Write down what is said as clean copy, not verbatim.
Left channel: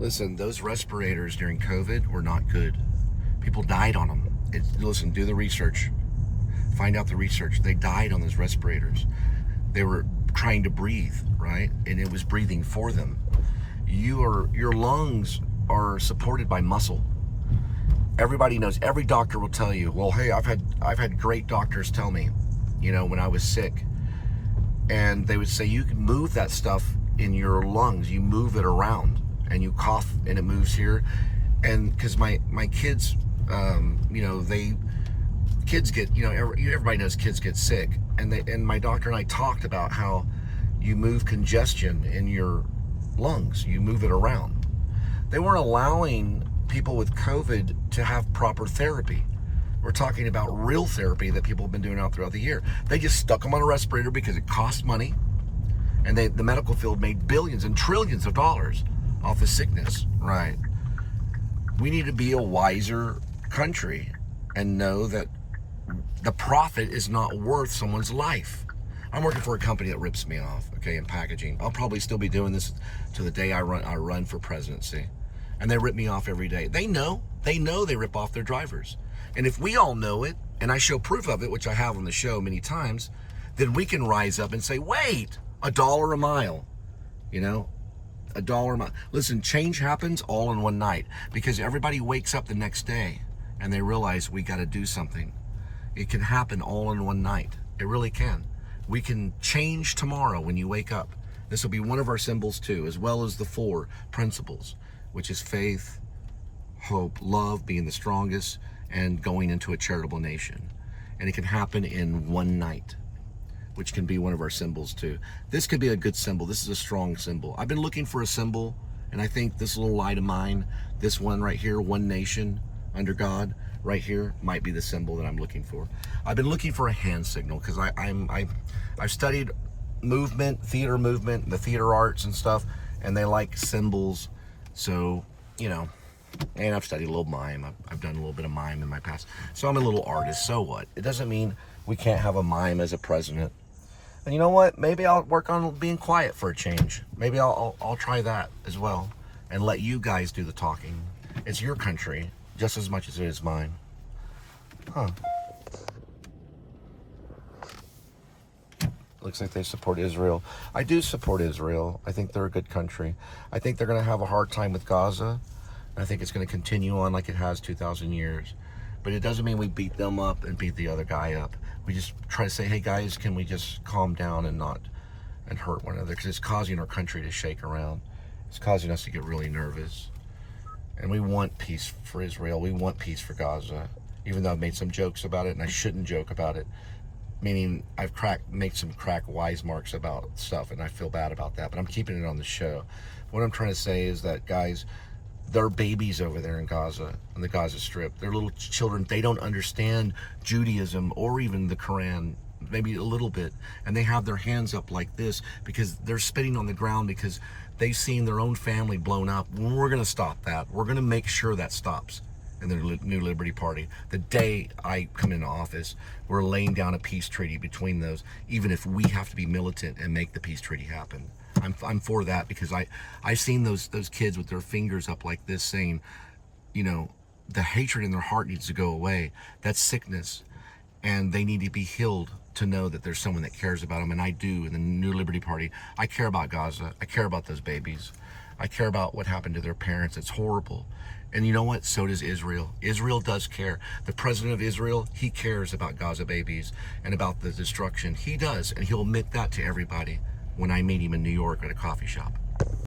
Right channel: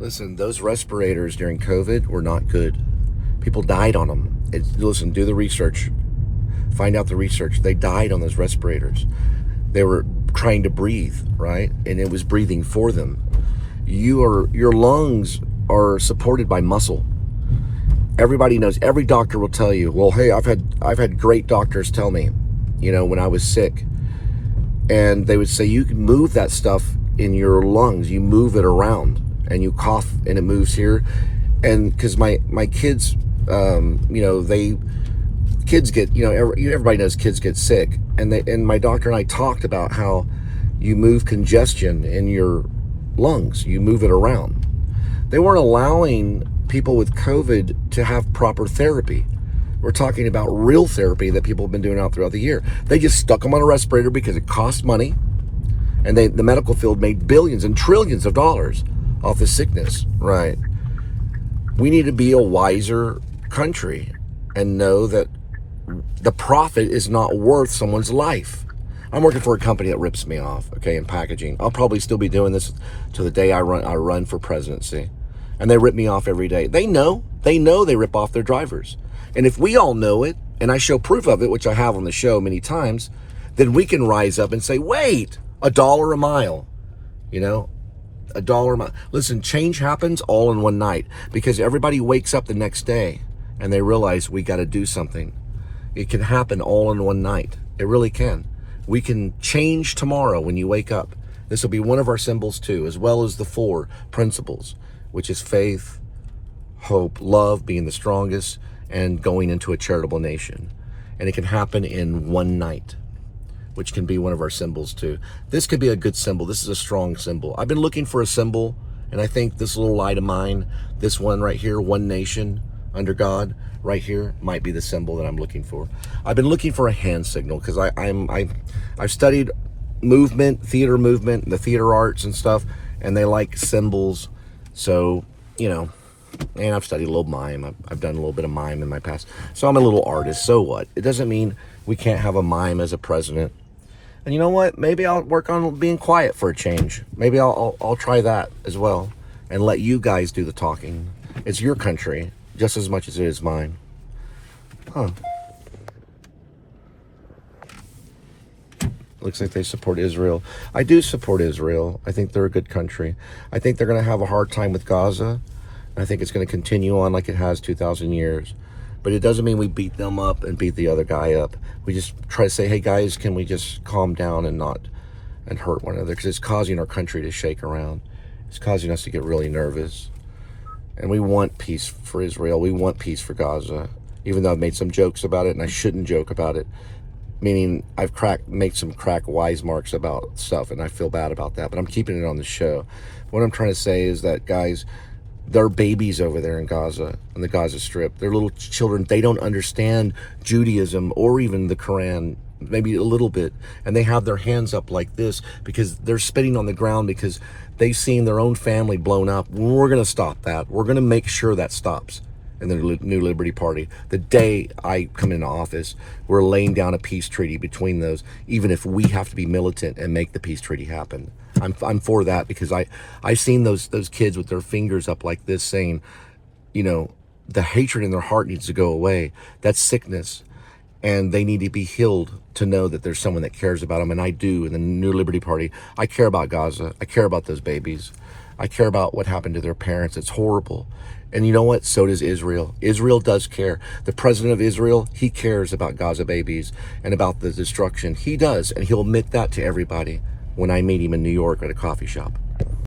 Listen, those respirators during COVID were not good. People died on them. Listen, do the research. Find out the research. They died on those respirators. They were trying to breathe, right? And it was breathing for them. Your lungs are supported by muscle. Everybody knows. Every doctor will tell you, well, hey, I've had great doctors tell me, when I was sick, and they would say you can move that stuff in your lungs. You move it around, and you cough, and it moves here. And because my kids, kids get, everybody knows kids get sick, and my doctor and I talked about how you move congestion in your lungs. You move it around. They weren't allowing people with COVID to have proper therapy. We're talking about real therapy that people have been doing out throughout the year. They just stuck them on a respirator because it cost money, and the medical field made billions and trillions of dollars off the sickness, right? We need to be a wiser country and know that the profit is not worth someone's life. I'm working for a company that rips me off, okay, in packaging. I'll probably still be doing this to the day I run for presidency. And they rip me off every day. They know they rip off their drivers. And if we all know it, and I show proof of it, which I have on the show many times, then we can rise up and say, wait, $1 a mile, $1 a mile. Listen, change happens all in one night because everybody wakes up the next day and they realize we got to do something. It can happen all in one night. It really can. We can change tomorrow when you wake up. This will be one of our symbols too, as well as the 4 principles, which is faith, hope, love being the strongest, and going into a charitable nation. And it can happen in one night, which can be one of our symbols too. This could be a good symbol. This is a strong symbol. I've been looking for a symbol, and I think this little light of mine, this one right here, one nation under God, right here, might be the symbol that I'm looking for. I've been looking for a hand signal because I've studied movement, theater movement, the theater arts and stuff, and they like symbols. So, and I've studied a little mime. I've done a little bit of mime in my past. So I'm a little artist. So what? It doesn't mean we can't have a mime as a president. And you know what? Maybe I'll work on being quiet for a change. Maybe I'll try that as well and let you guys do the talking. It's your country just as much as it is mine. Huh. Looks like they support Israel. I do support Israel. I think they're a good country. I think they're going to have a hard time with Gaza. I think it's going to continue on like it has 2,000 years. But it doesn't mean we beat them up and beat the other guy up. We just try to say, hey guys, can we just calm down and not hurt one another? Because it's causing our country to shake around. It's causing us to get really nervous. And we want peace for Israel. We want peace for Gaza. Even though I've made some jokes about it, and I shouldn't joke about it. Meaning I've made some crack wise marks about stuff, and I feel bad about that. But I'm keeping it on the show. What I'm trying to say is that, guys, there are babies over there in Gaza, on the Gaza Strip. They're little children. They don't understand Judaism or even the Quran, maybe a little bit. And they have their hands up like this because they're spitting on the ground because they've seen their own family blown up. We're going to stop that. We're going to make sure that stops in the New Liberty Party. The day I come into office, we're laying down a peace treaty between those, even if we have to be militant and make the peace treaty happen. I'm for that because I've seen those kids with their fingers up like this saying, the hatred in their heart needs to go away. That's sickness. And they need to be healed to know that there's someone that cares about them. And I do in the New Liberty Party. I care about Gaza. I care about those babies. I care about what happened to their parents. It's horrible. And you know what? So does Israel. Israel does care. The president of Israel, he cares about Gaza babies and about the destruction. He does. And he'll admit that to everybody when I meet him in New York at a coffee shop.